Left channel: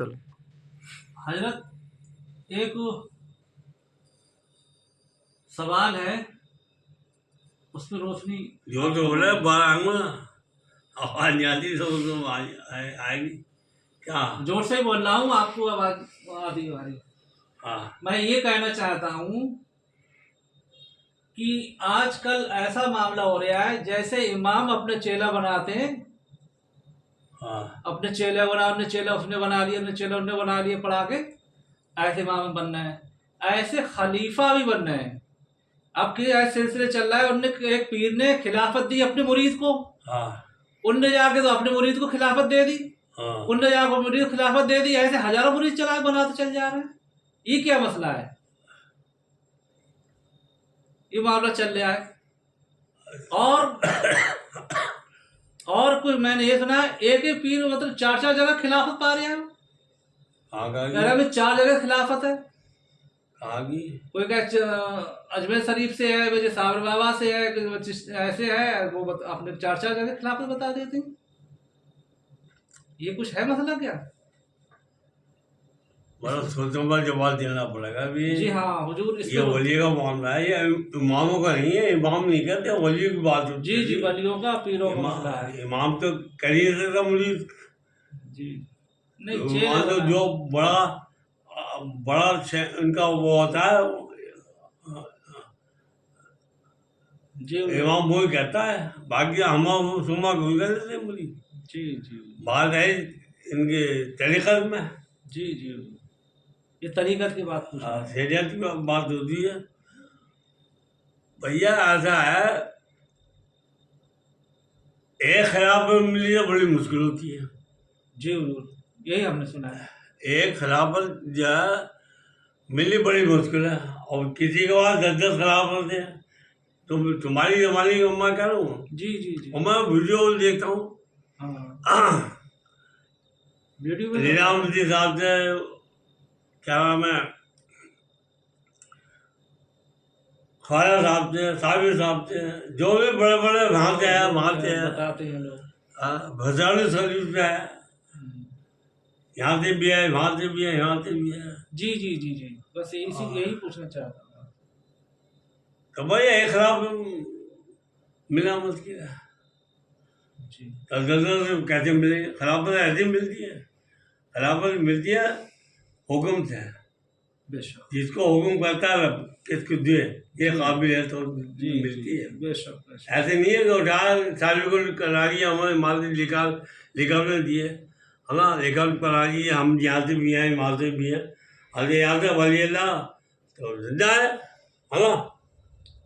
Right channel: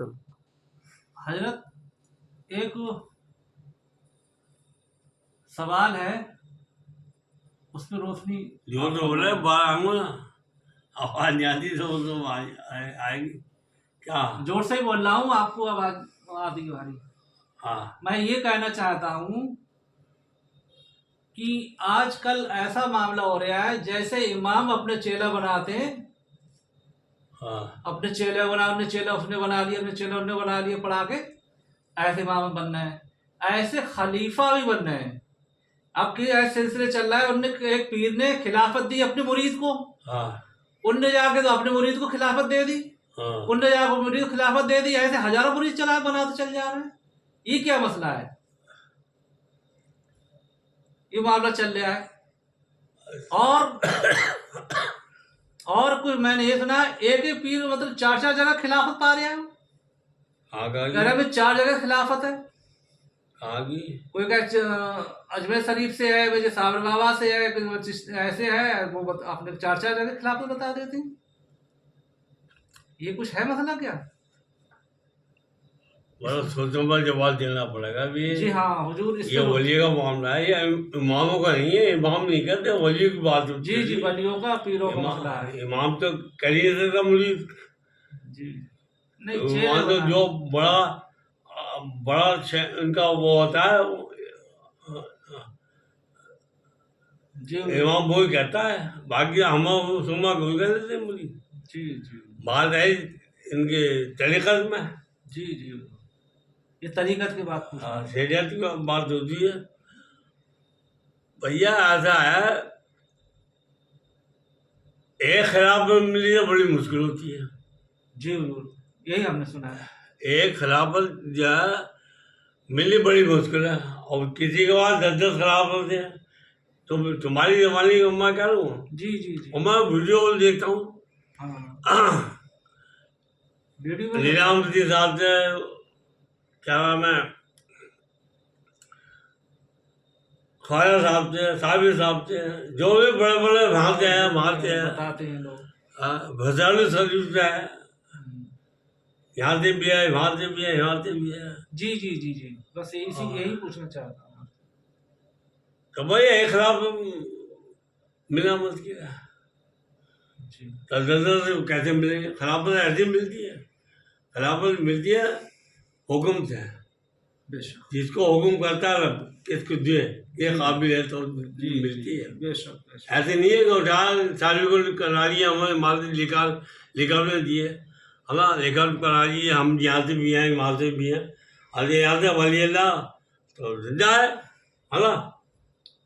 चलो। हजरत, एक सवाल है, उस पर रोशनी। जो जो बोला बांगो ना, आवाज नहीं आती तो आएगी क्या? जोर से ही बोल रहा हूँ, आपको आवाज आती है हमारी। हाँ मैं ये कहना चाहता हूँ कि आजकल ऐसा मामला हो रहा है जैसे इमाम अपने चेला बनाते हैं, हाँ अपने चेला उसने बना लिया, अपने चेला उसने बना लिया पढ़ा के, ऐसे इमाम बनना है, ऐसे खलीफा भी बनना है। अब कि ऐसे सिलसिले चल रहा है, उनने एक पीर ने खिलाफत दी अपने मुरीद को, हाँ उनने जाके तो अपने मुरीद को खिलाफत दे दी, हाँ उनने जाकर मुरीद को खिलाफत दे दी, ऐसे हजारों मुरीद चला बनाते चल जा रहे हैं। ये क्या मसला है? ये मामला चल रहा है। और कोई मैंने ये सुना है, एक ही पीर मतलब 4-4 जगह खिलाफत पा रहे हैं। मेरा भी 4 जगह खिलाफत है। कोई का अजमेर शरीफ से है, वजह साबर बाबा से है, कोई ऐसे है, वो अपने 4-4 जगह खिलाफत बता देती। ये कुछ है मसला क्या? बड़ा सोचने पर जवाब देना पड़ेगा भी। जी हाँ हुजूर, ये वली का मामला है, ये इमामों का नहीं है। इमाम नहीं करते, वली की बात होती है। जी जी, वलियों का, पीरों का मसला है। इमाम तो कर ही नहीं सकता मुरीद। जी नहीं, इमाम तो जो बड़ा बड़ा इनका वो होता है, जी इमाम वो ही कहता है। बाकी हम सुमा भूल गए थे मुरीद। जी जी बात है इनके तरीक़त में। जी जी, ये तरीक़त की बात पूछ रहा हूँ। शरीयत की बात होती है भैया। ऐसा है, एक खिलाफत मिली तो बड़ी मुश्किल होती है। जी हुजूर, यही हमने सुना है। एक खिलाफत जो है मिली बड़ी मुश्किल है, और किसी के पास 10-10 खिलाफत है। तो तुम्हारी जमाने की मैं कह रहा हूँ, जी जी जी, और मैं वीडियो देखता हूँ। हाँ वीडियो में लीलाम के हिसाब से, क्या नाम है, ख्वाजा साहब से, साबिर साहब से, जो भी बड़े बड़े वहाँ से है, वहाँ से है, बताते हैं लोग। भसानी शरीफ से है, यहाँ से भी है, वहाँ से भी है, यहाँ से भी है। जी जी जी जी, बस यही पूछना चाहता हूँ। तो भाई एक खिलाफ मिला मुश्किल है। जी तो कैसे मिलेगी? खिलाफत ऐसी मिलती है, खिलाफत मिलती है हुक्म से। बेशक, जिसको हुक्म करता है किसको दे, ये काबिल है तो मिलती है। बेशक ऐसे नहीं है कि उठा सारी को करा लिया, हमें माल निकाल में दिए, हमें निकाल करा लिए, हम यहाँ से भी हैं, वहाँ से भी हैं। अरे यहाँ से वली अल्लाह तो जिंदा है ना?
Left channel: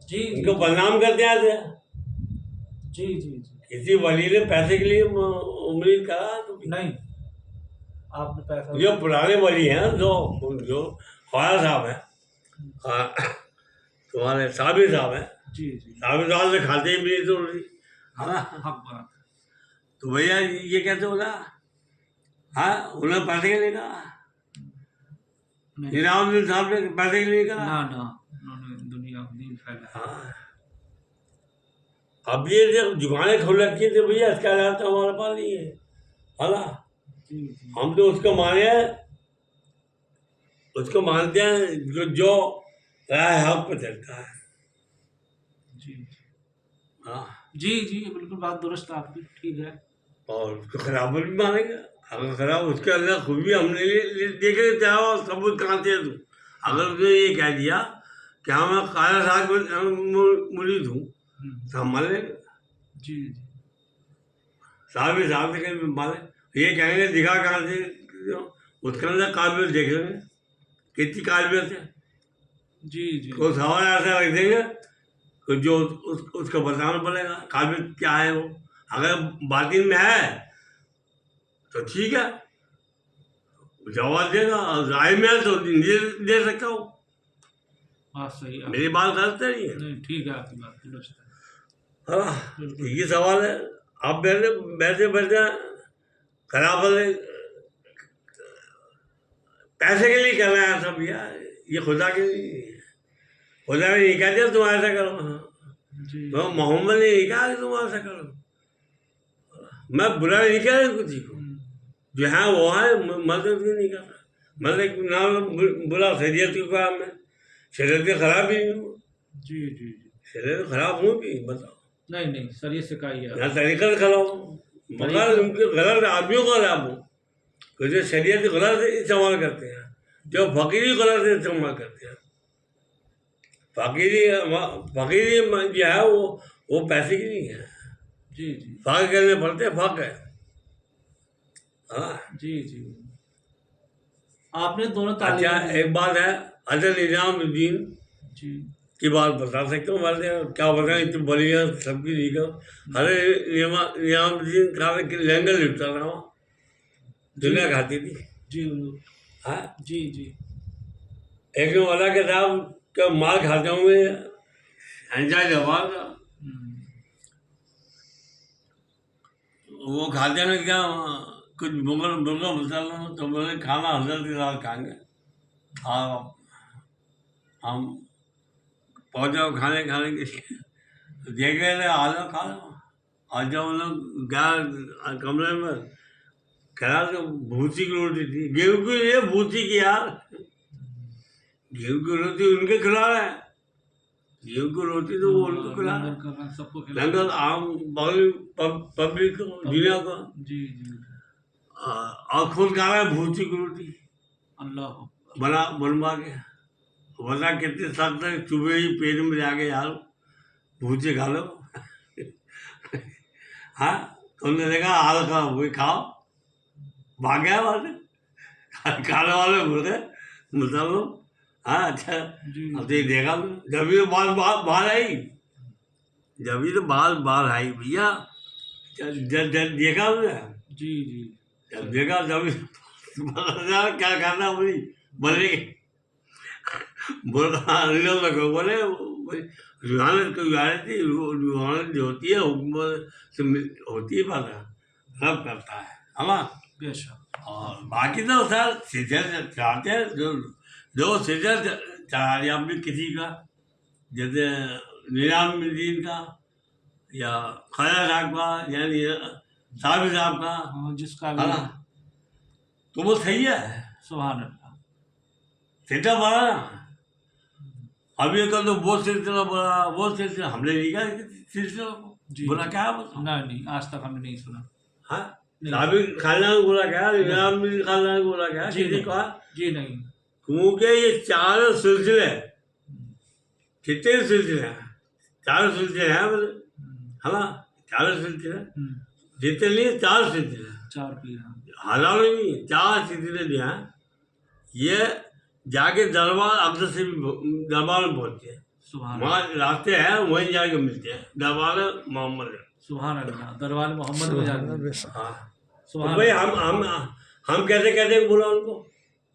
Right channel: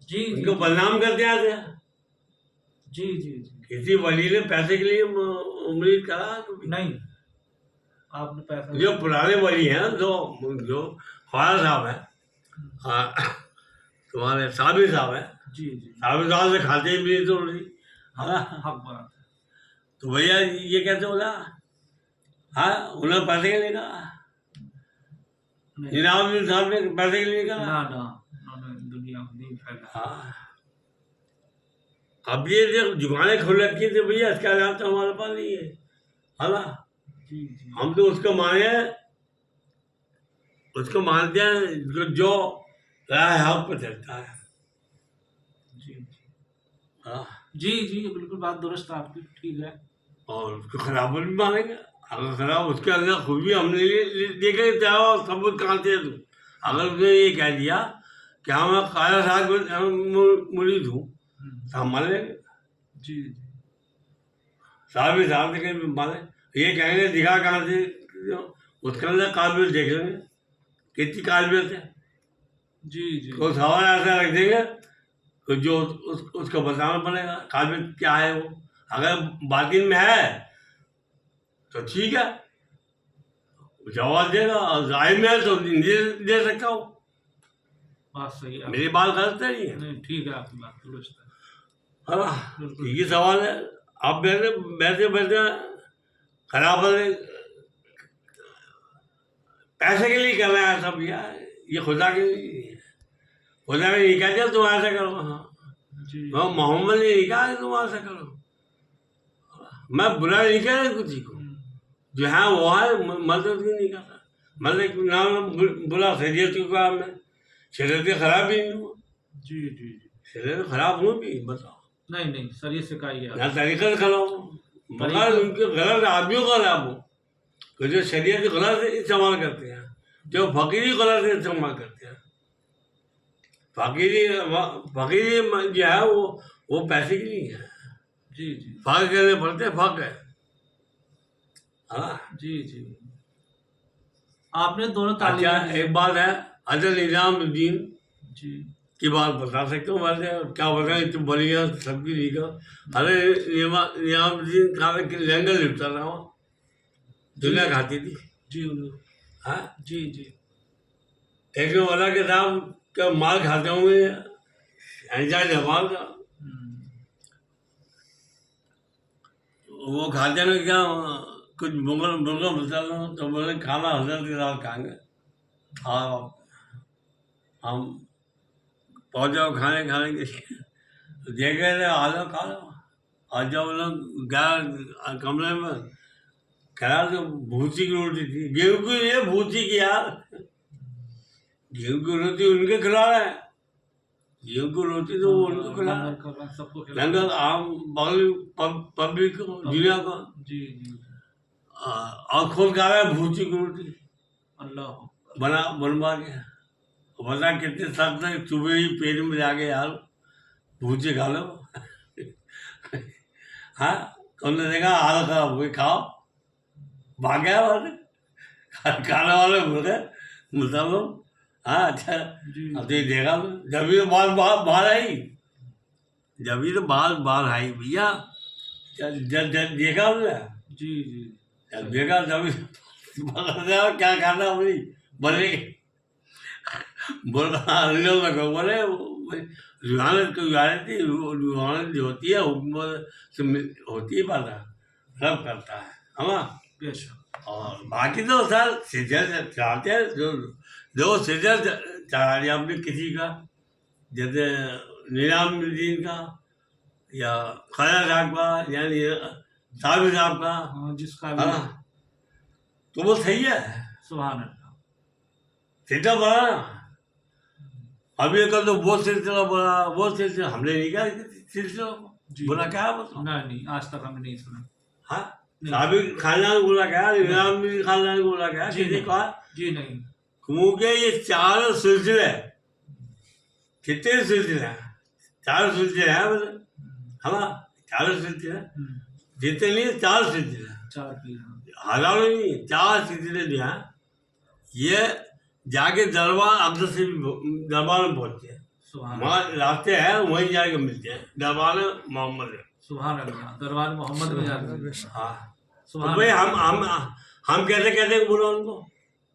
जी उनको बदनाम करते ऐसे। जी जी जी, किसी वली ने पैसे के लिए उम्मीद करा तो नहीं, आपने पैसा जो पुराने वली हैं, जो ख्वाजा साहब हैं, हाँ, तुम्हारे साबिर साहब हैं, जी जी, साबिर साहब से खाते ही भी तो है ना? हक बात है। तो भैया ये कैसे बोला? हाँ, उन्हें पैसे के लिए कहा, इनामुद्दीन साहब ने पैसे के लिए कहा। ना ना, उन्होंने दुनिया को नहीं फैला। हाँ, अब ये जब जुबानें खुल रखी थी भैया, इसका इलाज तो हमारे पास नहीं है ना? जी जी, हम तो उसको माने हैं, उसको मानते हैं जो राह हक पर चलता है। जी हाँ, जी जी, बिल्कुल बात दुरुस्त आपकी, ठीक है। और उसको खराब भी मानेंगे। अगर खराब उसके अंदर खूबी हमने देखे, चाहो सबूत कहाँ से तू? अगर उसने ये कह दिया कि हाँ मैं ख्वाजा साहब मुरीद हूँ, तो हम मान लेंगे। जी जी, साहब भी साहब से माने, ये कहेंगे दिखा कहाँ से, उसके अंदर काबिल देख लेंगे कितनी काबिलियत है। जी जी, तो सवाल ऐसा रख देंगे तो जो उसको बताना पड़ेगा काबिल क्या है वो। अगर बातिन में है तो ठीक है, जवाब देगा, और जाहिर में है तो नहीं दे सकता हूँ। बात सही है। मेरी बात गलत नहीं है, नहीं, ठीक है, आपकी बात दुरुस्त है। है ना? ये सवाल है। आप बैठे बैठे खराब पैसे के लिए करना है सब यार, ये खुदा के लिए नहीं है। खुदा ने नहीं कहा तुम ऐसा करो, हाँ, जी मोहम्मद ने नहीं कहा कि तुम ऐसा करो। मैं बुरा नहीं कह रहा किसी को, जो है वो है, मदद भी नहीं कर रहा। मतलब नाम बुला शरीयत को काम है, शरीयत खराब ही नहीं हुआ, जी जी जी। शरीयत खराब हो भी बताओ नहीं नहीं, शरीर से का ही है। ना तरीका से खराब हो, मगर उनके गलत आदमियों का खराब हो, तो जो शरीयत गलत इस्तेमाल करते हैं, जो फकीरी गलत इस्तेमाल करते हैं। फकीरी जो है वो पैसे की नहीं है, जी जी फक कहने पड़ते फक है। हाँ जी जी। आपने दोनों अच्छा, तालीम एक बात है, अजल निजामुद्दीन जी की बात बता सकते हो वैसे, क्या बताएं, तुम बोलिए सबकी लिखो। अरे निजामुद्दीन कहा लैंडर लिखता था वहाँ, दुनिया खाती थी। जी हुजूर। हाँ, जी जी एक लोग वाला के साहब का माल खाते होंगे, एंजॉय जवान का वो खाते में क्या कुछ मुगल मुर्गा मसाला, तो बोले खाना हजरत के साथ खाएंगे। हाँ, हम पहुँचे खाने खाने के लिए, देखे थे आ जाओ खा लो। और जब वो लोग गया कमरे में, खड़ा तो भूसी की रोटी थी, गेहूँ की नहीं है, भूसी की यार, गेहूँ की रोटी उनके खिला रहे हैं, गेहूँ की रोटी तो वो उनको खिला रहे हैं। कर रहे हैं सबको खिला। लंगर आम बगल पब्लिक को, दुनिया को, जी जी और खुद खा रहा है भूसी की रोटी अल्लाह। बनवा के। वरना कितने सख्त है, सुबह ही पेट में जाके यार भूसे खा लो। हाँ, तो उन्होंने देखा हाल खराब हुई, खाओ, भाग गया वहाँ से, खाने वाले बोल गए मुसलमान। हाँ अच्छा, जी अब तो ये देखा मैं, जब ये बाल बाहर आई, जब ये तो बाल आई भैया, जब देखा हमने, जी जी जब देखा जब क्या करना बोली, बोले बोले रुहानत को रुहानत थी, रुहानत जो होती है हुकूमत से होती है, बात सब करता है ना। बेशक। और बाकी तो सर सीजन चाहते हैं, जो सीजन चाह लिया आपने किसी का, जैसे निजामुद्दीन का या ख्वाजा साहब का, यानी साबिर साहब का, हाँ, जिसका है भी ना, तो वो सही है, सुभान अल्लाह। सीधा बड़ा ना। अभी कल तो वो सिलसिला बोला, वो सिलसिला हमने नहीं कहा सिलसिला को जी। बोला, क्या बताओ। नहीं नहीं, आज तक हमने नहीं सुना। हाँ, नहीं। साबिर खानदान को बोला क्या, निजामुद्दीन खानदान को बोला क्या, जी किसी नहीं। का, जी नहीं। क्योंकि ये चारों सिलसिले, कितने सिलसिले हैं, चारों सिलसिले हैं बोले, है ना, चारों सिलसिले, जितने नहीं चार सिलसिले, चार की हजारों नहीं, चार सिलसिले जो हैं, ये जाके दरबार अक्सर से भी दरबार में पहुंचते हैं, सुभान वहाँ रास्ते हैं, वहीं जाके मिलते हैं, दरबार मोहम्मद है। सुभान अल्लाह। दरबार मोहम्मद में जाकर। हाँ, सुभान तो भाई अल्लाह। हम कैसे कहते बोला उनको,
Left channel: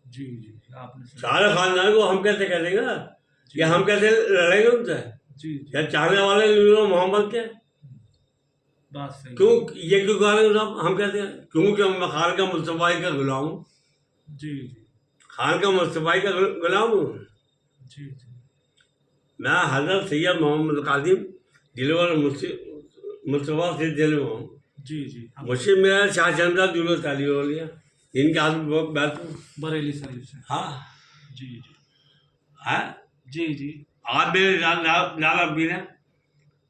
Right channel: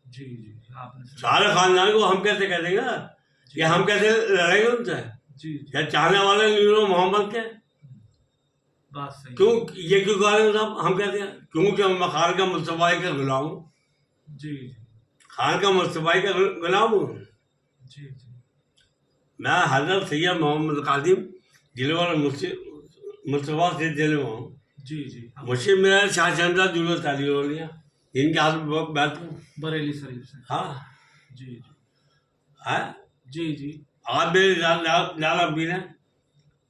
जी जी आपने सुना। सारे खानदान को हम कैसे कह देंगे, या हम कैसे लड़ेंगे उनसे, जी या चाहने वाले नूर मोहम्मद के, बात सही। क्यों ये क्यों कह रहे हैं साहब, हम कहते हैं क्योंकि मैं खान का मुस्तफाई का गुलाम हूँ, जी जी खान का मुस्तफाई का गुलाम हूँ। जी जी मैं हजरत सैयद मोहम्मद कासिम दिलवर मुस्तफ़ा से दिल में हूँ। जी जी मुझसे मेरा शाह शहजाद जुलूस ताली हो लिया, जिनके हाथ में बहुत बैठ हूँ। बरेली शरीफ से। हाँ जी जी है, जी जी आप मेरे लाला पीर हैं,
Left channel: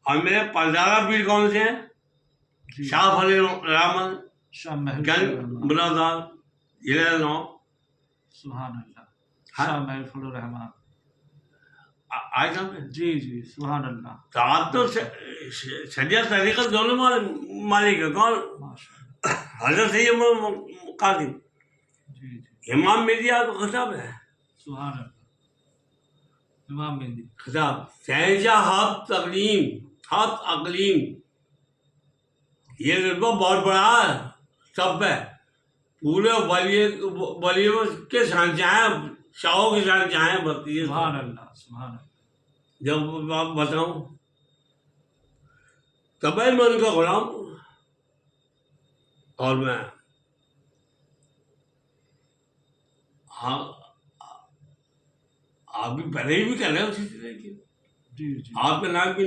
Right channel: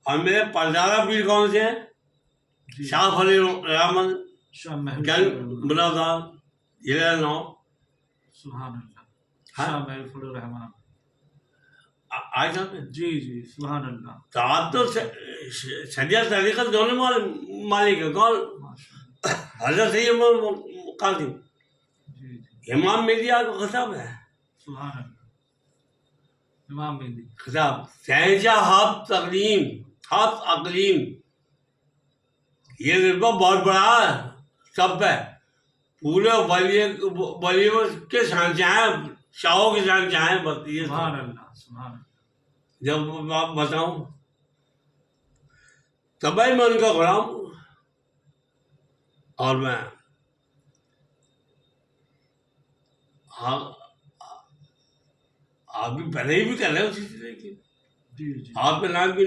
और मेरे परदादा पीर कौन से हैं, जी। शाह फली रहमान शाह महल गंज बुलादार जिला नौ। सुभान अल्लाह। हाँ? शाह महल फलुर रहमान। आज हम जी जी सुभान अल्लाह। तो आप तो सजा तरीक़त दोनों मालिक है, कौन, माशाअल्लाह। हजरत सैयद कासिम, जी जी इमाम मेहदी को खिताब है, सुभान अल्लाह। इमाम मेहदी। खिताब शहनशाह हाफ अकलीम, ये रुतबा बहुत बड़ा है सब है, पूरे वलियों के शहनशाह हैं, शाहों के शहनशाह हैं, बताइए सुभान अल्लाह सुभान अल्लाह। जब आप बताऊं तब मैं उनका गुलाम हूं, और मैं हाँ आप भी पहले ही भी कर रहे हो उसी तरह की, जी जी आपके नाम की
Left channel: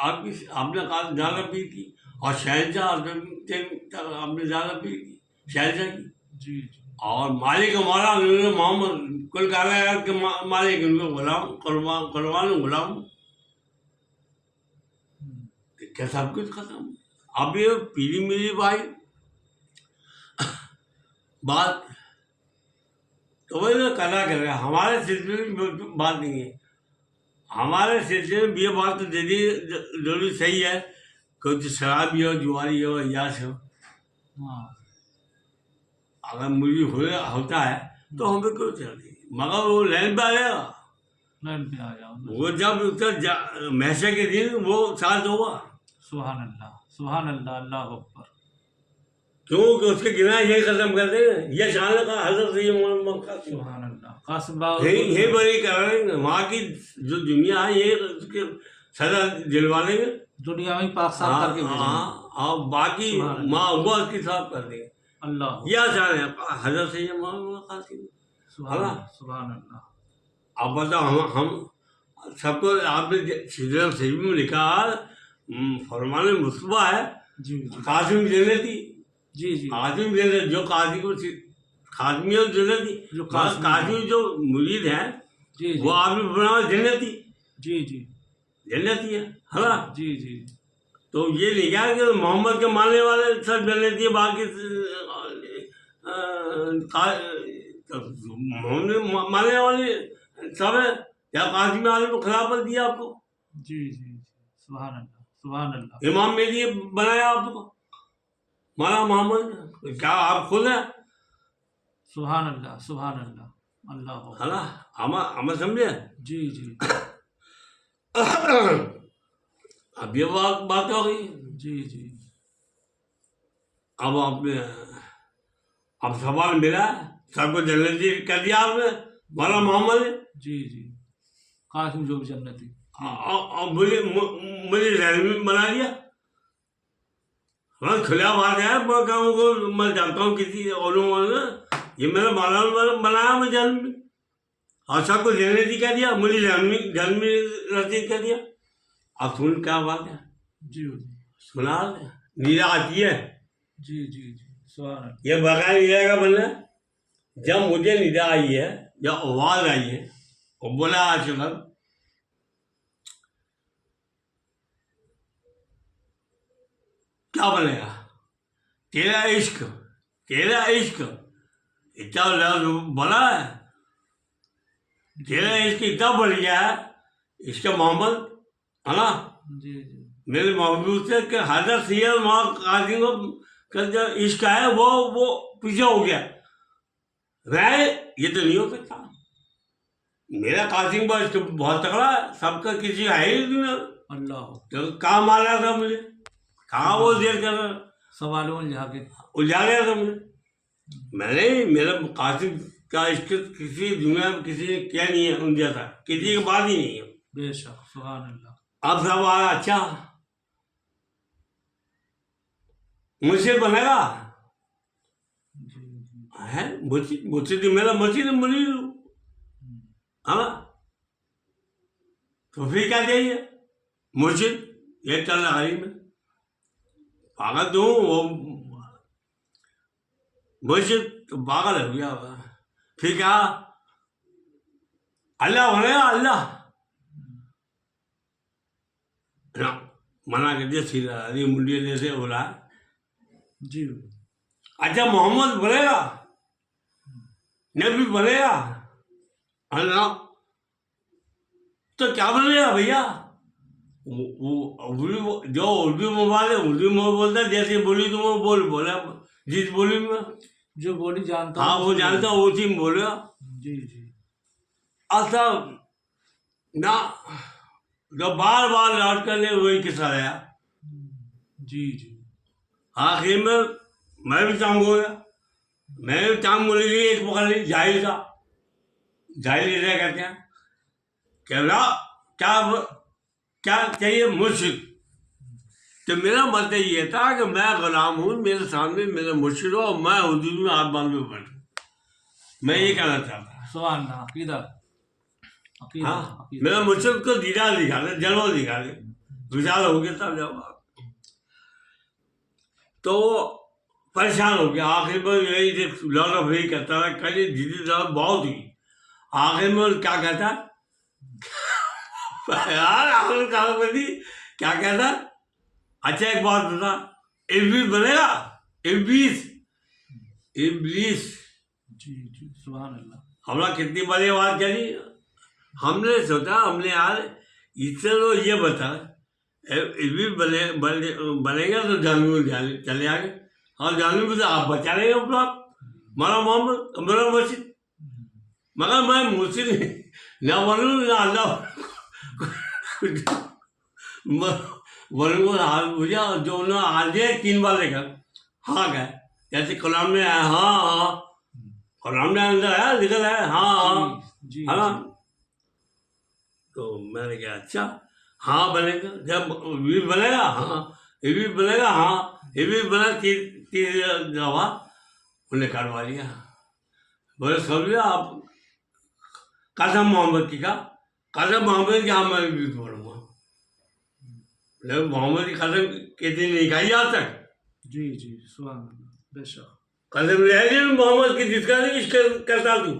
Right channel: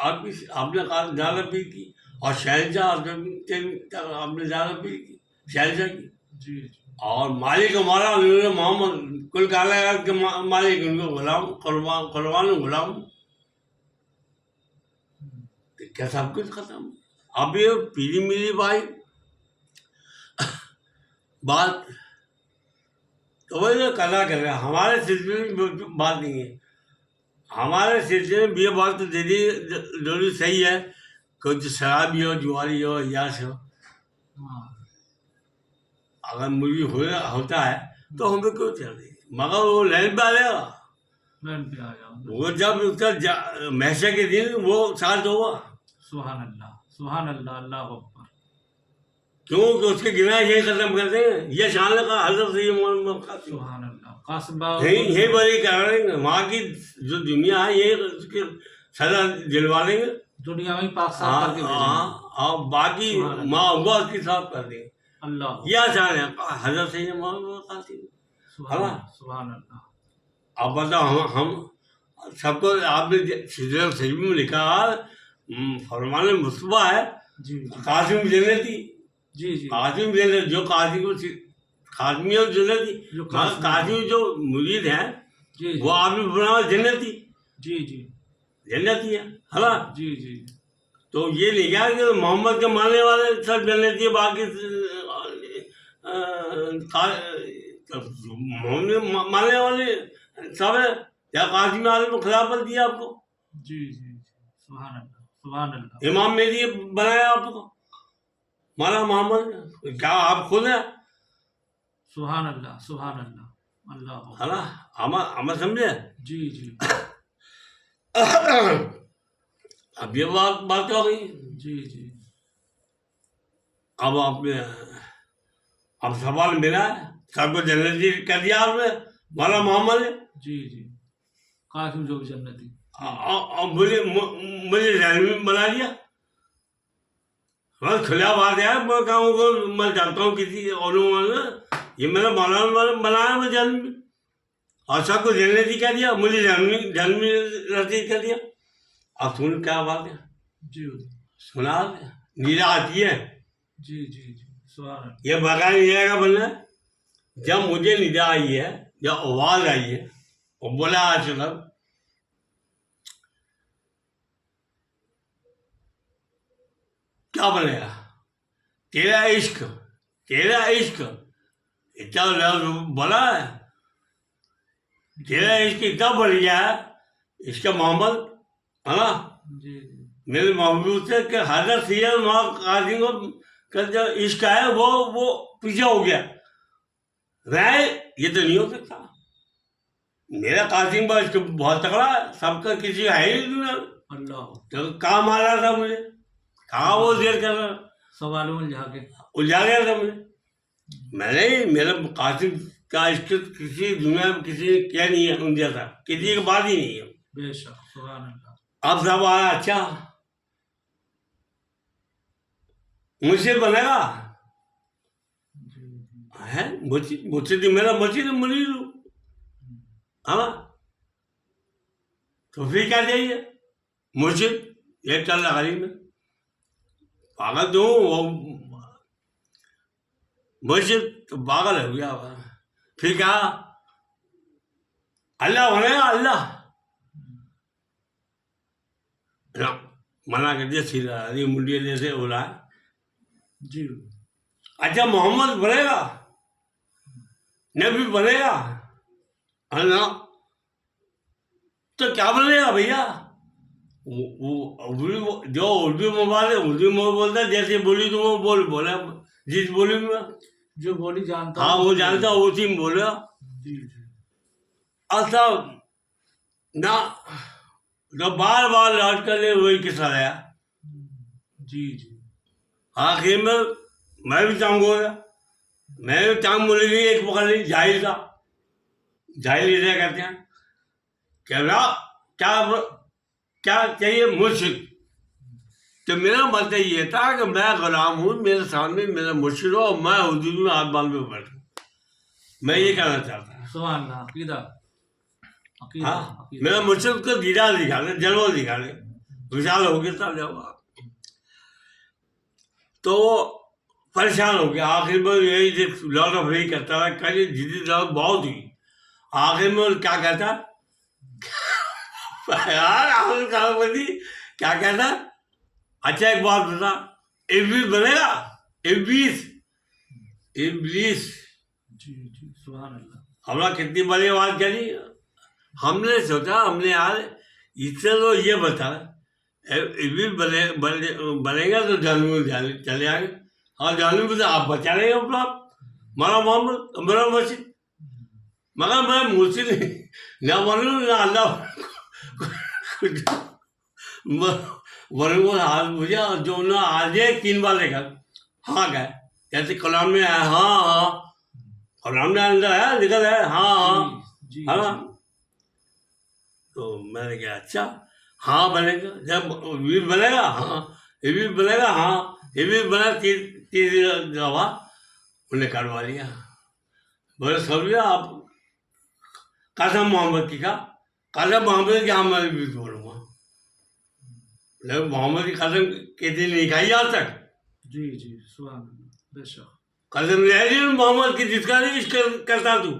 आपकी आपने कहा ज़्यादा पी की, और शहनशाह आपने ज़्यादा पी की, शहनशाह की। जी जी और मालिक हमारा हज़रत मोहम्मद, कुल कायनात के मालिक, उनको गुलाम, कुर्बान गुलाम। क्या सब कुछ खत्म। अब ये पीली मिली भाई बात, तो वो जो कला कर रहा है हमारे सिलसिले में बात नहीं है। हमारे सिलसिले में ये बात तो जरूरी सही है, कुछ शराबी हो, जुआरी हो, अय्याश हो, हाँ अगर मुझे होता है तो हमें क्यों चल रही, मगर वो लाइन पे आ जाएगा। लाइन पे आ जाओ। वो जब उसका महशर के दिन वो साथ होगा। सुभान अल्लाह, अल्लाह अकबर। क्योंकि उसके गिना यही खत्म कर देंगे, ये शान का हजरत ये मोहम्मद कासिम सुभान अल्लाह। कासिम बाबा यही बड़ी कर देंगे। वहाँ की जो दुनिया है ये उसके सजा दिलवा देंगे, दुनिया में पाक साफ हाँ करके भेजेंगे। हाँ, और बाकी सुभान अल्लाह। माँ हुआ उसकी साफ कर देंगे। अल्लाह। ये आसान है हजरत से मोहम्मद कासिम। सुभान हाँ। अल्लाह, सुभान अल्लाह। अब बताओ हम सबको आपने सिदरत सही में लिखा फरमान मुस्तफा है जी जी कासिम जन्नती। जी जी कासिम जन्नत, जो कासिम को खादमी है जन्नती, जो मगर कासिम जो मुरीद है जी वो आपने बनाया जन्नती, जी जी जन्नती है ना। जी जी तो ये नहीं क्या कि मोहम्मद के मानने वाले सब जन्नती है, बाकी मोहम्मद मानने वाले सब है। या कासिम आलम को खिलाफत दिया आपको, जी जी सुभान अल्लाह, सुभान अल्लाह। इमाम मेहदी बनाया आपको, माना मोहम्मद, क्या आप खुद है? सुभान अल्लाह, सुभान अल्लाह, अल्लाह। है ना, हम समझे। जी जी अब ये बात हो गई। जी जी अब आपने अब सवाल मिला है, सबको जन्नती कर दिया आपने, माना मोहम्मद है। जी जी कासिम जो भी जन्नती। और मुझे रहमी बना दिया। हाँ खुला बात है, मैं कहूँ मैं जानता हूँ किसी और ये मेरा मौलाना बनाया मुझे जन्म में, और सबको जन्नती कह दिया, मुझे जन्म नसीब कर दिया। अब सुन क्या बात है, जी सुना नीरा आती है, जी जी जी सुभान अल्लाह। ये बता नहीं जाएगा बोलना। जब मुझे निदा आई है, जब आवाज आई है और बोला आज तक क्या बनेगा, तेरा इश्क, तेरा इश्क इतना लफ्ज बोला है, तेरा इश्क इतना बढ़ गया है, इसका मोहम्मद है ना, जी जी मेरे महबूब से कि हजरत सैयद कासिम का जो इश्क है वो पीछे हो गया रहे, ये तो नहीं हो सकता। मेरा कासिम का इश्क बहुत तगड़ा है, सबका किसी है ही नहीं। अल्लाह। तो कहाँ मारा था मुझे, कहाँ वो देर कर रहा, सवालों में जाके उलझा गया था मुझे। मैंने मेरा कासिम का इश्क किसी दुनिया में किसी ने क्या नहीं है उन जैसा, किसी की बात ही नहीं है। बेशक सुभान अल्लाह। अब सब आया, अच्छा मुझसे बनेगा जी जी है, मुझसे तो मेरा मसीह तो मरीज हूँ, है ना। तो फिर क्या चाहिए, मुझे एक चल रहा में पागल दूँ वो मुझे तो पागल हो गया होगा। फिर क्या अल्लाह बनेगा, अल्लाह ना, मना कर दिया सीधा, अरे मुंडिया जैसे बोला। जी अच्छा मोहम्मद बनेगा, नबी बनेगा, अल्लाह तो क्या बनेगा भैया। वो जो उर्दू में बात है उर्दू में बोलता, जैसे बोली तुम वो बोला, जिस बोली में जो बोली जानता हाँ हूँ वो जानता हूँ उसी में बोला। जी जी अच्छा ना, तो बार बार लौट कर ले वही किस्सा आया। जी जी आखिर में मैं भी चांग हो गया, मैं भी चांग बोली गई, एक पकड़ ली जाहिल था, जाहिल इधर कहते हैं क्या क्या क्या चाहिए मुर्शिद। तो मेरा मतलब ये था कि मैं गुलाम हूँ, मेरे सामने मेरा मुर्शिद हो और मैं हुजूर में हाथ बांध के बैठूँ, मैं ये कहना चाहता। सुभान अल्लाह। अकीदा अकीदा हाँ अकीदा। मेरा मुर्शिद को दीदार दिखा दे, जलवा दिखा दे, विशाल हो गया तब जाओ। तो परेशान हो गया। आखिर में यही लॉट ऑफ यही करता रहा, कल जिद्दी बहुत हुई। आखिर में क्या कहता यार राहुल कालापति क्या कहता, अच्छा एक बात बता, इब्लीस बनेगा, इब्लीस, इब्लीस। जी जी सुभान अल्लाह। हमने कितनी बड़ी बात करी। हमने सोचा, हमने यार इससे तो ये बता इब्लीस बनेगा तो जानवर चले आगे। हाँ जानवर तो आप बचा रहे हो अपना, मारा मोहम्मद मेरा मसीह, मगर मैं मुझसे ना बनूँ ना अल्लाह बनूँ हाल मुझे जो ना आज 3 बार लेकर हाँ गए, जैसे कलाम में आया हाँ हाँ, कलाम में अंदर है लिखा है हाँ हाँ जी है ना। तो मैंने कहा अच्छा हाँ बनेगा, जब वीर बनेगा हाँ, ये भी बनेगा हाँ, ये भी बना, 3 दफा उन्हें करवा लिया। बोले समझ लिया आप, कसम मोहम्मद की का, कसम मोहम्मद की, मैं भी बोलूँगा, लेकिन मोहम्मद की कसम कितनी नहीं खाई आज तक। जी जी सुभान अल्लाह बेशक। कसम ले रही मोहम्मद की जिसका नहीं इसका करता तू,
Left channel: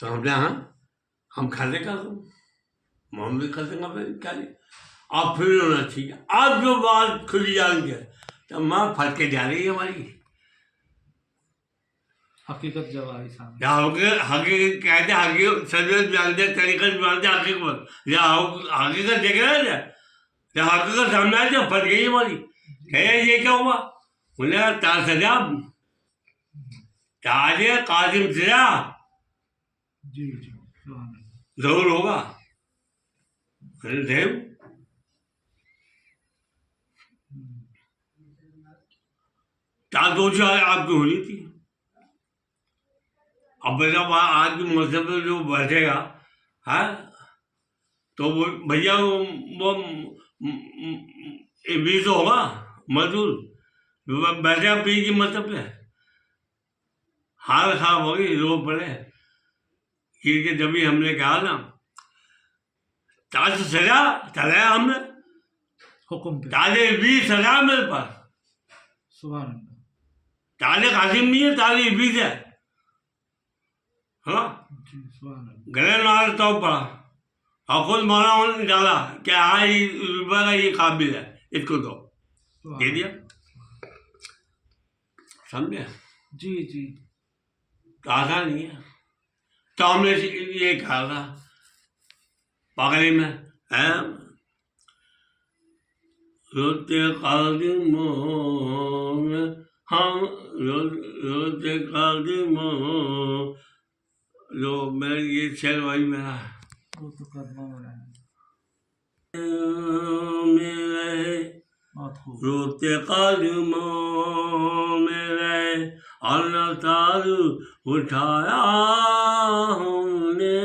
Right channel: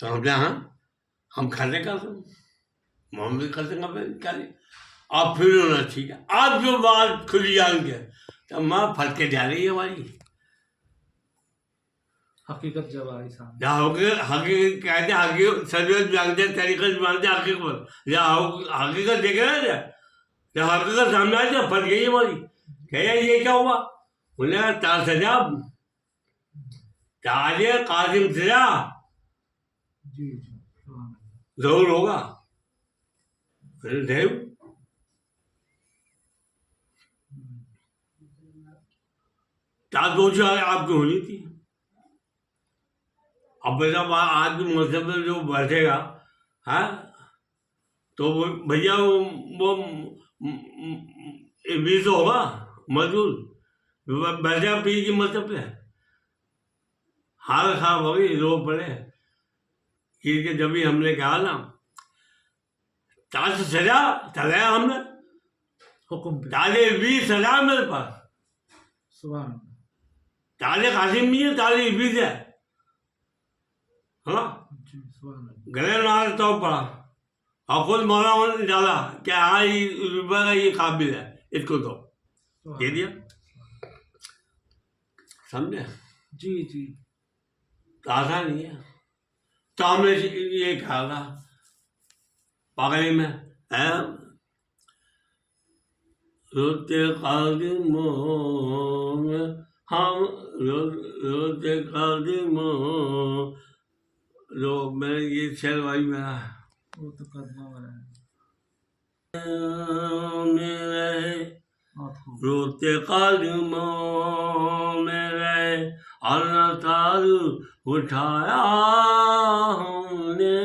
तो हमने हाँ हम खाने कसम मोहम्मद की कसम आप क्या नहीं। अब फिर होना ठीक है, अब जो बात खुली जान के तो माँ फट के जा रही है हमारी। हकीकत जब आई सामने। या हकीकत कहते, हकीकत सजवत जानते, तरीकत जानते, हकीकत या हकीकत देख रहे थे, या हकीकत सामने आ जाए फट गई हमारी। कहे ये क्या हुआ, बोले तार सजा, ताजे कासिम सजा जी जी सुभान अल्लाह। जरूर होगा। फिर देव ताज पहुंची आपकी होनी थी। अब बेटा आज के मौसम में जो बैठेगा है तो वो भैया वो भी तो होगा मजदूर, बैठेगा पी की मतलब पे हाल खराब होगी, रो पड़े गिर के। जब भी हमने कहा ना ताज सजा चलाया हमने, हुक्म पे ताजे भी सजा मेरे पास, सुभान अल्लाह। ताजे कासिम नहीं है, ताजे इबलीस है हाँ। जी सुभान अल्लाह। गले नाल तो पड़ा और खुद मौला ने डाला कि हाँ रुपये का ये काबिल है, इसको दो, दे दिया। समझे? जी जी आसान नहीं है। तो हमने ये कहा था पागली में है, रोते कदमों में हम रोते कदमों, जो मैं ये शेर भाई मेरा वो तो कदमों में है। मेरे बहुत खूब। रोते कदमों में रहे अल्लाह तारू उठाया हमने,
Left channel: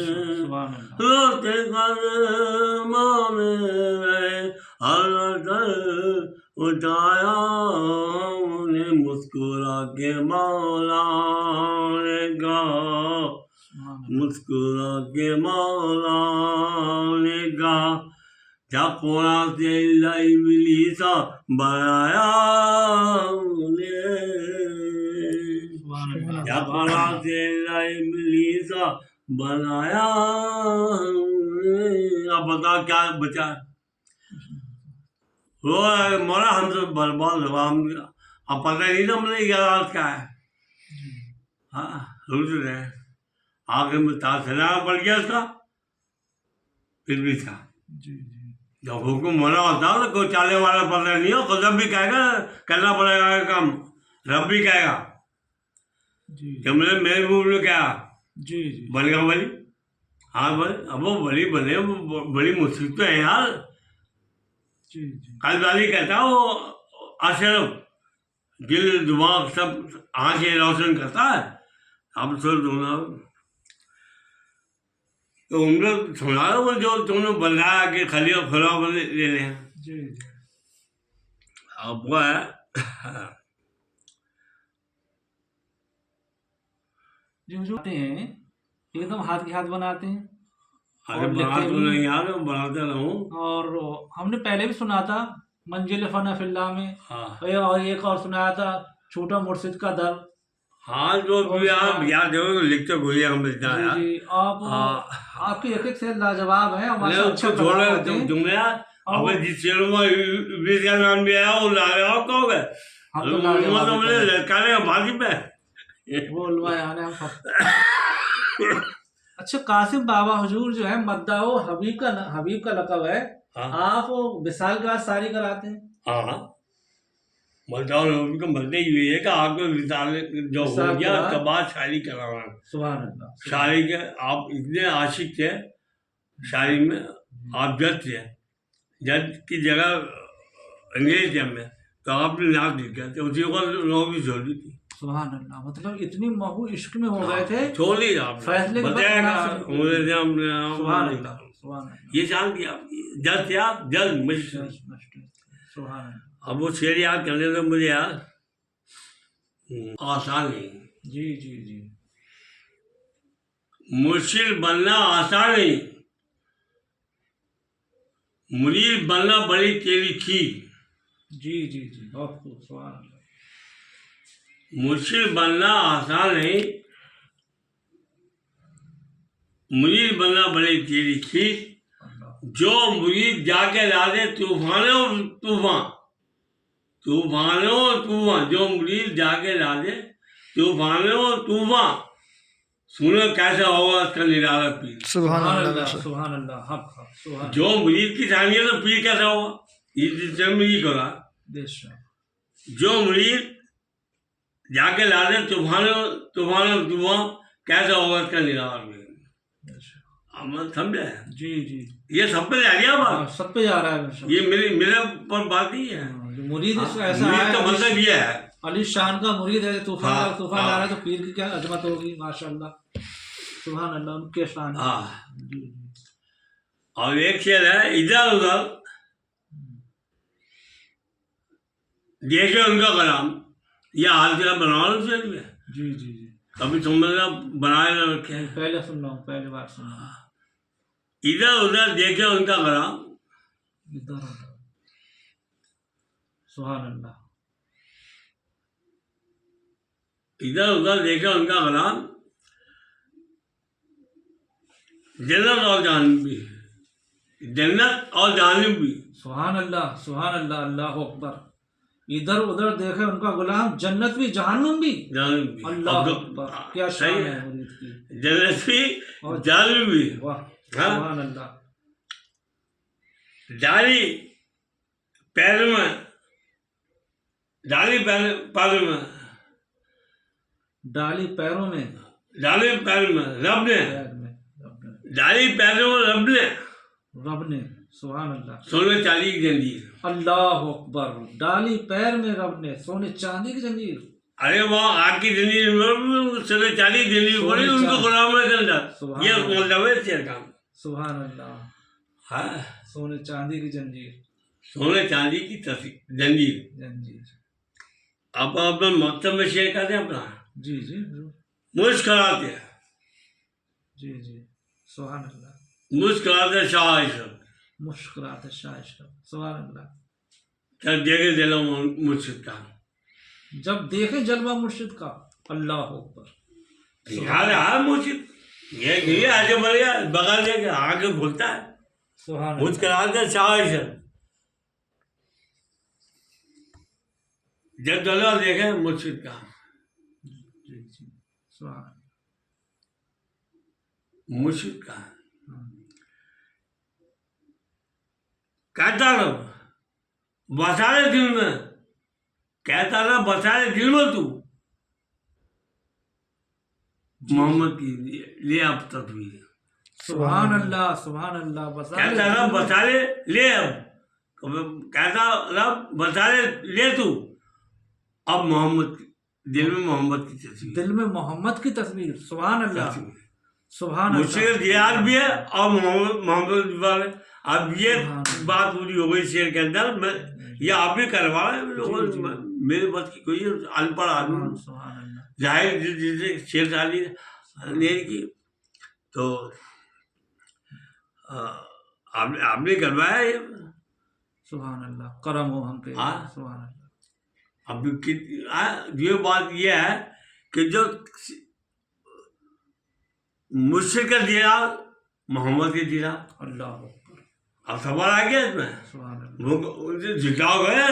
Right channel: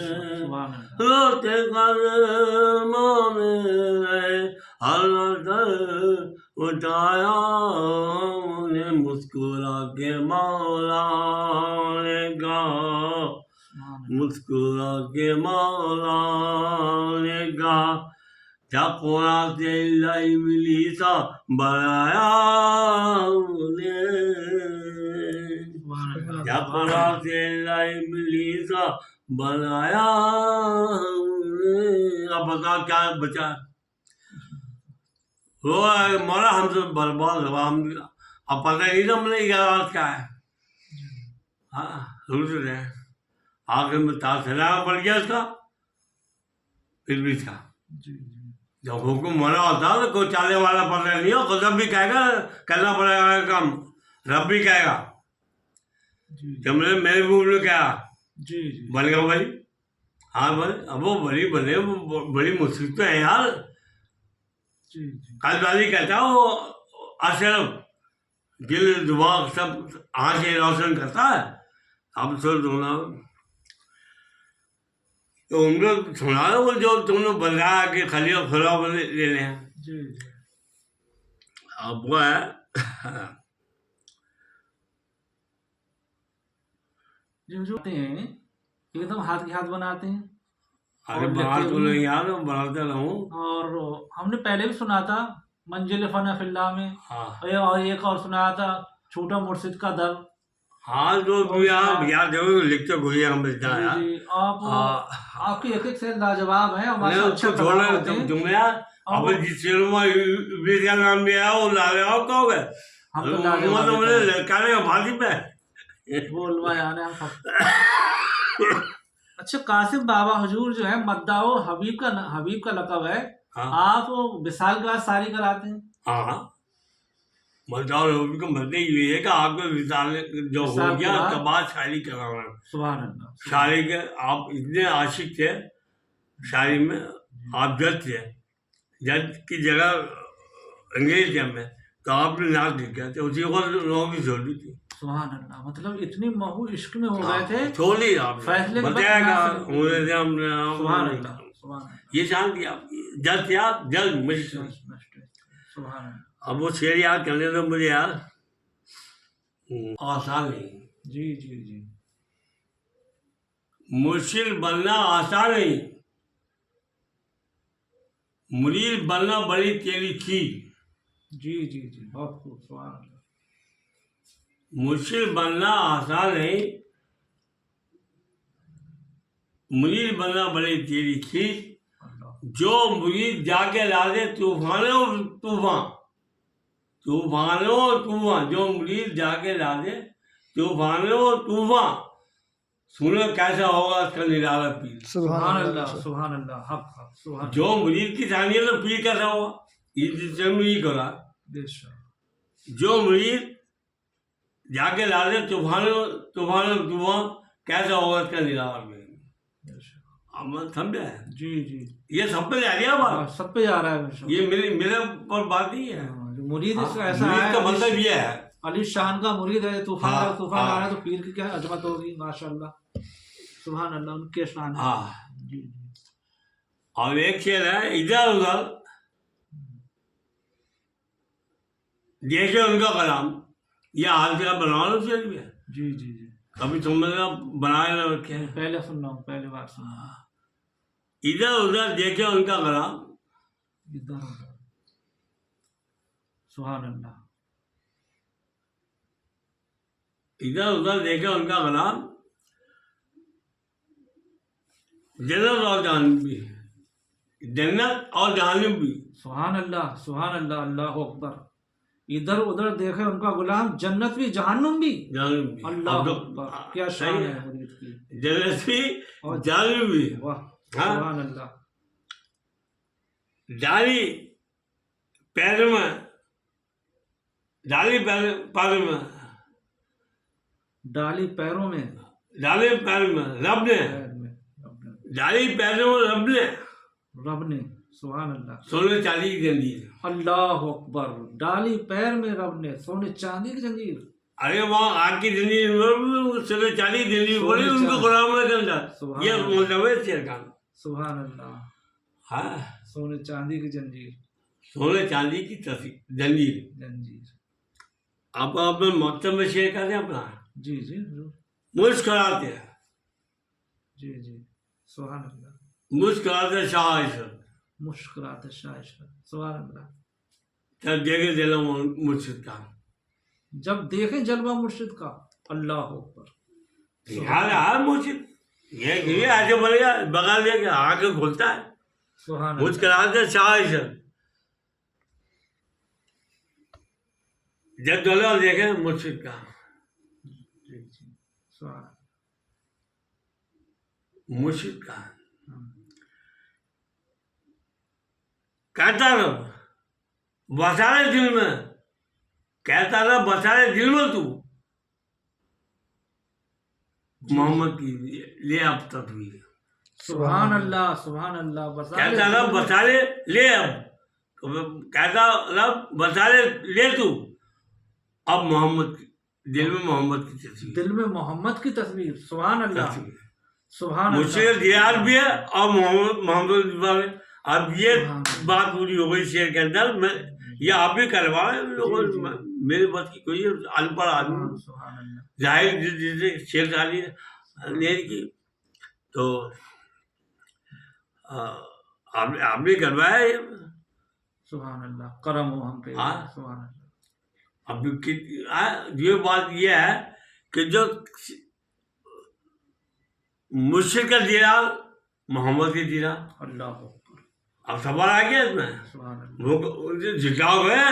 सुभान अल्लाह। रोते कदमों में रहे अल्लाह तारू उठाया हमने, मुस्कुरा के मौला ने कहा, मुस्कुरा के मौला ने कहा, जा कोना से इब्लीसा बनाया हमने, जा कोना से इब्लीसा बनाया हमने। अब बता क्या बचा, वो मौला हमसे बर्बाद हुआ, हम अब पता नहीं था हमने क्या है। हाँ रुक रहे आगे में तासला पड़ गया उसका, फिर भी था। जी जी जब हुक्म मना होता तो कोई चाले वाला पता नहीं हो, खुद भी कहेगा करना पड़ेगा काम, रब भी कहेगा। जी जब मैंने मेरे मुंह में कहा जी जी बनेगा भाई, हाँ भाई अब वो बड़ी बने, बड़ी मुश्किल तो है यार। जी जी कल वाली कहता वो अशरफ दिल दिमाग सब आँखें रोशन करता है। अब सो तुमने तो उनको सुना वो जो तुमने बनाया कि खाली खुला ले लें। जी जी अब वो है जी जो आते हैं एकदम हाथ के हाथ बनाते हैं। अरे और बना लेते तो भी नहीं यार, मैं बनाता रहूँ। और हमने पहले भी सुना था मंजिल फना फिल्ला में। हाँ और एक और सुनाया था छोटा मुर्शिद का दर। हाँ, जो और भी आप सुना- याद हो लिखते घुरिए हम मिलता है जी यार। जी, आप हाँ आपकी एक एक से लाजवाब है और माशा नहीं, अच्छे उसको कलाम छोड़ो होते हैं। तुम यार। और अब वो जिस शेरों में इब्लीस का नाम भी आया वो लाजवाब कहोगे। हम तो उन्होंने तो लाजवाब मुझे लड़काने का भाजी पे। वो उलमा यानी हम सब। अच्छा, कासिम बाबा हुजूर जो है मद्दाओ हबीब का लक़ब है। हाँ आप वो विसाल के बाद शादी कराते हैं। हाँ, मजदूर उनको मरते ही हुई है कि आपको विशाल जो हो विसाल के गया बाद तब बाद शादी कराना। सुभान अल्लाह, सुभान शादी के आप इतने आशिक थे शादी में, आप जज थे, जज की जगह अंग्रेज थे में, तो आपने नाक लिख गया तो उसी को लोगों की छोड़ दी थी। सुभान अल्लाह। मतलब इतनी महू इश्क में हो गए थे। छोड़ दी आपने, फैसले के वक्त बताया नाक लिख दी। उन्होंने हमने सुभान अल्लाह, सुभान अल्लाह। ये शान दिया जज थे आप, जज मजिस्ट्रेट। सुभान अल्लाह। अब वो शेर याद करने तो मुझे यार आसान नहीं। जी जी जी। मुर्शिद बनना आसान नहीं, मुरीद बनना बड़ी तेरी खीर। जी जी जी, बहुत खूब, सुभान अल्लाह। मुर्शिद बनना आसान नहीं, मुरीद बनना बड़ी तेरी खीर। अल्लाह। जो मुरीद जाके ला दे तूफानों तूफान, तूफानों तूफान, जो मुरीद जाके ला दे तूफानों तूफान, सुनो कैसा होगा उसका निराला पीर। सुभान अल्लाह। सुभान अल्लाह, हक हक, सुभान जो मुरीद की ठानी है तो पीर कैसा होगा, ये जिससे मुरीद करा। बेशक। जो मुरीद जाके ला दे तूफानों तूफानों तूफान, कैसा होगा इसका निराला पीर। बेशक। अमल समझे, जी जी। ये सब पे जा गया बात, हाँ, सब पे जा रहा है बेशक। ये मेरे पर बात नहीं है। हाँ, जो मुरीद हाँ, इसका ऐसा मुरीद है, का मतलब ये है। अली शान का मुरीद है, तूफान हाँ, का तूफान हाँ। ला रहा है तो पीर की क्या अजमत होगी, माशाल्लाह। सुभान अल्लाह, उनके शान। हाँ, जी जी। और एक शेर है, इधर उधर देखे उनका कलाम, ये हाल क्या बना लो शेर में, जी जी जी। कभी तुमने बनाए ना रखे। नहीं, पहले सुन रहा हूँ, पहली बार सुन रहा हूँ। इधर उधर देखे उनका कलाम, इधर उधर, सुभान अल्लाह। इधर उधर देखे उनका कलाम, जन्नत और जहन्नम भी, जन्नत और जहन्नम भी। सुभान अल्लाह, सुभान अल्लाह, अल्लाह अकबर। इधर उधर देखे उनका गुलाम, जन्नत भी जहन्नुम भी। जहन्नम भी अल्लाह अब अकबर, क्या सही शान है। है मुरीद की। जन्नत भी और जहन्नम भी। वाह, हाँ? सुभान अल्लाह। डाली पैर में, डाली पैर में, डाली पैरों में, डाली पैर में रब ने, पैर में, डाली पैरों में रब ने रब ने, सुभान अल्लाह। सोने चांदी की जंजीर। अल्लाह अकबर, डाली पैर में रब ने सोने चांदी की जंजीर। अरे वहाँ आग की जंजीर में सोने चांदी की जंजीर सोने पड़ी उनको चांदी। गुलाम के अंदर। सुभान ये अल्लाह। मतलब है शेर का। सुभान अल्लाह। हाँ, सोने चांदी की जंजीर, सोने चांदी की जंजीर। जंजीर। आप अपने मकतब में शेर करते हैं अपना, जी जी जरूर। मुस्कुराते हैं, जी जी, सुभान अल्लाह। मुस्कुराते शाह ईश्वर, मुस्कुराते शाह, सुभान अल्लाह। जब देखे दिलों मुर्शिद का। जब देखे जलवा मुर्शिद का, अल्लाह अकबर। यार यार मुर्शिद ये आगे बढ़ेगा, बगल जाके आगे खुलता है, सुभान अल्लाह। मुस्कुराते शाह ईश्वर। जब दिलों देखे मुर्शिद का, जी जी, सुभान अल्लाह। मुर्शिद का कहता रहो बसा रहे दिल में, कहता रहा बसा रहे दिल में तू, मोहम्मद की ले अब तस्वीर। सुभान अल्लाह, सुभान अल्लाह। बसा कहता रहा बसा ले ले अब, कहता रहा बसा ले तू, अब मोहम्मद दिल में मोहम्मद की तस्वीर। दिल में मोहम्मद की तस्वीर, सुभान अल्लाह, सुभान मुझसे अल्लाह। दियार भी है और मोहम्मद वाले। अब ये सुभान बात पूरी हो गई शेर के अंदर। मैं ये आप भी करवा रहे हैं लोगों, जी, जी। मेरे बस की कोई अनपढ़ आदमी सुभान अल्लाह। जाहिर जिसे शेर शादी नहीं की तो आपने करवाया ये। सुभान अल्लाह, करम हो हम पे। हाँ। सुभान अल्लाह। अब ये बात ये है कि जो मुश्किल का दिया मोहम्मद के दिया। अल्लाह अकबर। अब सवाल आ गया इसमें, सुभान अल्लाह। वो झुकाओगे,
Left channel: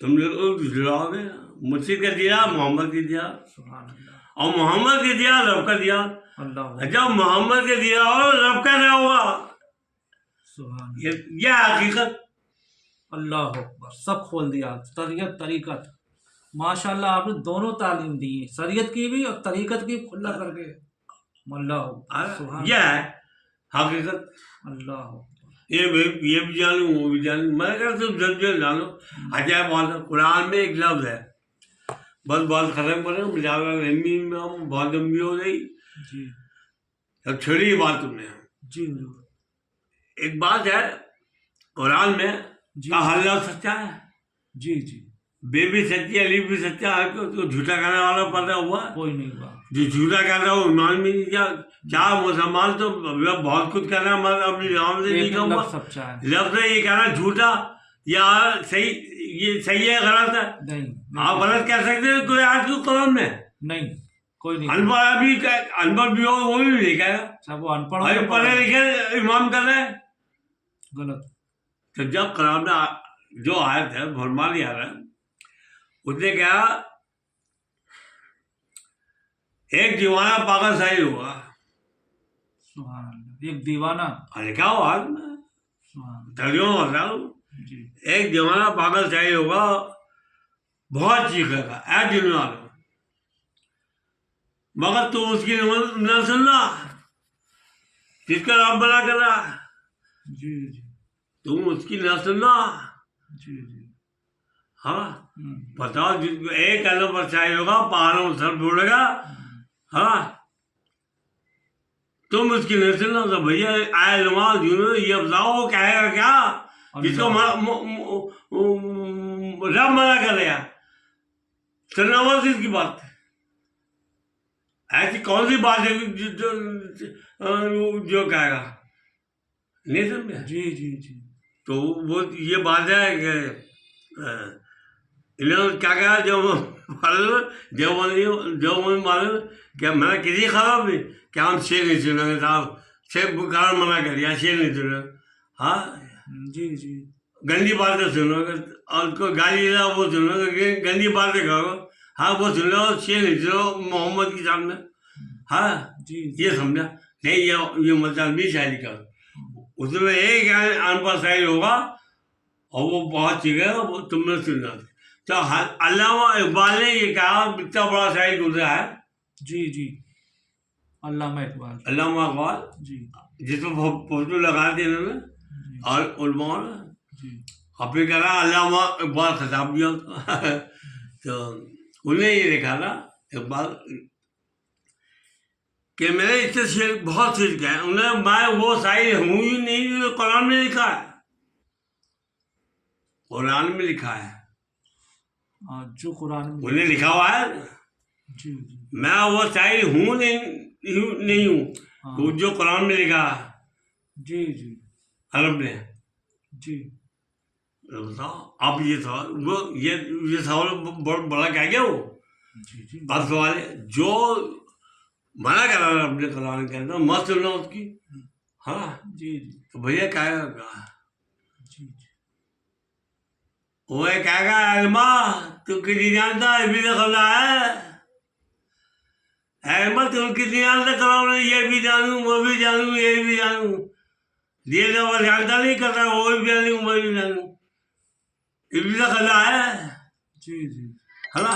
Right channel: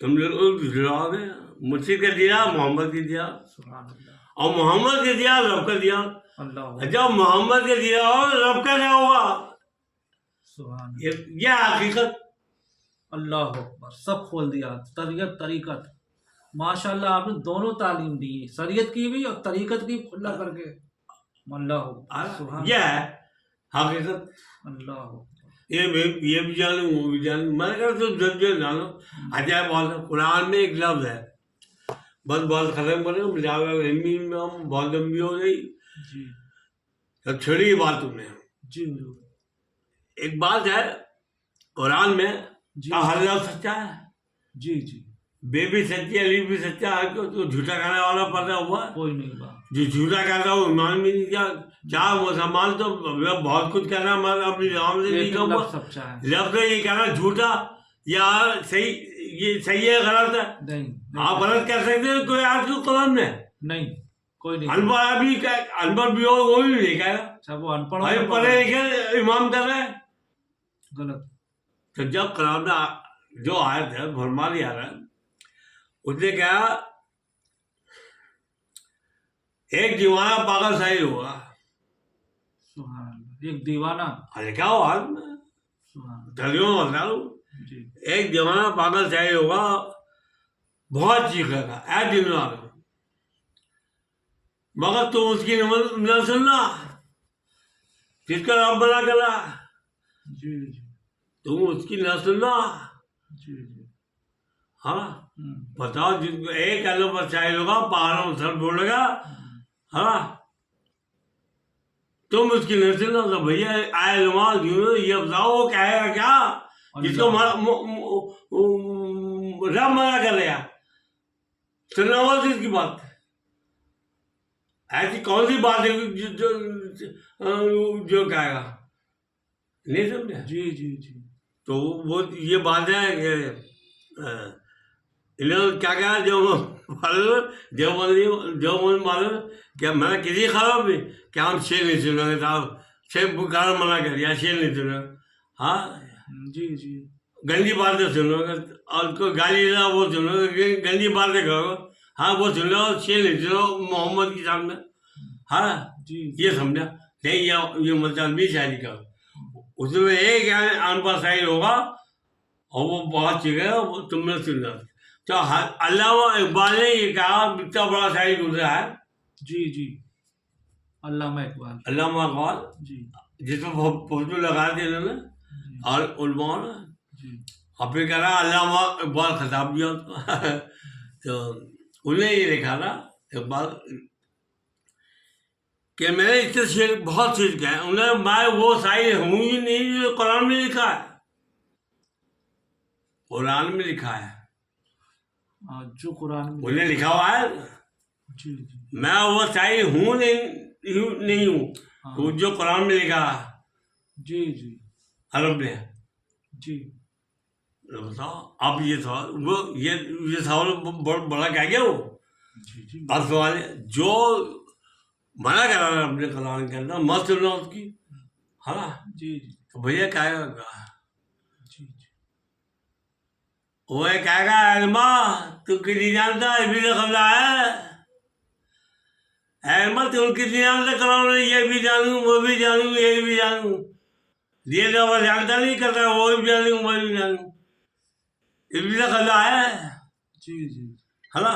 तुम लोग झुकाओगे। मुश्किल का दिया मोहम्मद के दिया, सुभान अल्लाह। और मोहम्मद के दिया रब का दिया। अल्लाह। जब मोहम्मद के दिया और रब का क्या हुआ, सुभान ये हकीकत। अल्लाह अकबर, सब खोल दिया। शरीयत तरीकत, माशाल्लाह आपने दोनों तालीम दी है, शरीयत की भी और तरीकत की खुला करके। अल्लाह अकबर, सुभान यह है हकीकत। अल्लाह अकबर। ये भी जानूँ वो भी जानूँ, मैं कहता तुम जल्द जानो। अजय बात कुरान में एक लफ्ज है, बस बात खत्म करें, बहुत लंबी हो गई जी अब छोड़ी बात तुमने। जी एक बात है कुरान में जी का हर लफ्ज सच्चा है, जी जी। बे भी सच्ची, अली भी सच्चा है। तो झूठा कहने वाला पैदा हुआ, कोई नहीं हुआ। जो झूठा कहता है वो ईमान भी नहीं किया। क्या मुसलमान तो बहुत कुछ कहना, मगर अपनी जबान से नहीं एक कहूँगा। लफ्ज़ सच्चा है। लफ्ज ये कहना झूठा या सही, ये सही है गलत है। नहीं आप गलत कह सकते हैं कोई आज को कुरान में नहीं, कोई नहीं। अनपढ़ भी अनपढ़ भी हो वो भी नहीं कहेगा। चाहे वो अनपढ़ हो अरे या पढ़े लिखे इमाम कर रहे हैं। गलत। तो जब कुरान में जो आयत है फरमा लिया रहा है, उसने कहा एक दीवाना पागल शाही होगा। सुभान अल्लाह। एक दीवाना। अरे क्या हो आज में सुभान तर्जुमा बताओ। जी एक दीवाना पागल शाही होगा, बहुत चीखेगा ऐ दिन वालों, मगर तुम उसकी न सुनना जिसका रब बना करा, जी जी तुम उसकी न सुनना। जी जी। हाँ बताओ, जिसको एक अलग पर शाही होगा पहाड़ों में सर ढूंढेगा। हाँ तुम उसकी नहीं सुनना। तो भैया आए रुमाल जुनू ये बताओ वो कहेगा क्या जिसको रब मना कर दिया, सुनना मत इसकी बात। ऐसी कौन सी बात है जो कहेगा, नहीं समझा। जी जी जी। तो वो ये बात है कि इन्होंने क्या कहा, जो मालूम क्या मैंने किसी खराब नहीं क्या हम शेर नहीं सुनेंगे साहब, शेर बुखार मना कर दिया, शेर नहीं सुनेंगे। हाँ जी जी। गंदी बातें सुनोगे और कोई गाली दे वो सुनोगे, गंदी बातें करोगे, हाँ वो सुन लो, शेर नहीं सुनो मोहम्मद के सामने। हाँ जी ये समझा नहीं, ये मतलब भी शायरी कर, उसमें एक अनपढ़ शायर होगा और वो बहुत चीखेगा, वो तुमने सुनना। तो अल्लामा इकबाल ने ये कहा, इतना बड़ा शायर गुजरा है। जी जी। अल्लामा इकबाल। अल्लामा इकबाल जी जिसमें फोटो लगा दी इन्होंने जी और उलमा ने, जी। और फिर कह रहा अल्लामा इकबाल खिताब दिया उसको। तो उन्हें ये लिखा था इकबाल कि मैंने इससे शेर बहुत चीज किया है, उन्हें मैं वो शायर हूँ ही नहीं जो कुरान में लिखा है। कुरान में लिखा है, जो कुरान में उन्हें लिखा हुआ है। जी जी। मैं वो शायर हूँ नहीं हूँ जो कुरान में लिखा है जी जी अरब में। जी। बताओ आप ये सवाल, वो ये सवाल बड़ा क्या गया वो। जी जी। अब सवाल है जो मना कर रहा है अपने कुरान के अंदर मत सुनना उसकी, है ना। जी जी तो भैया क्या जी जी। वो कहेगा अल्मा तू किसी जानता है भी तो खला है, अहमद तुम किसी जानता कराओ, ये भी जानूँ वो भी जानूँ ये भी जानूँ, ये तो वो जानता नहीं करता वो भी जानूँ मैं भी जानूँ, ये भी तो खला है, जी जी। है ना।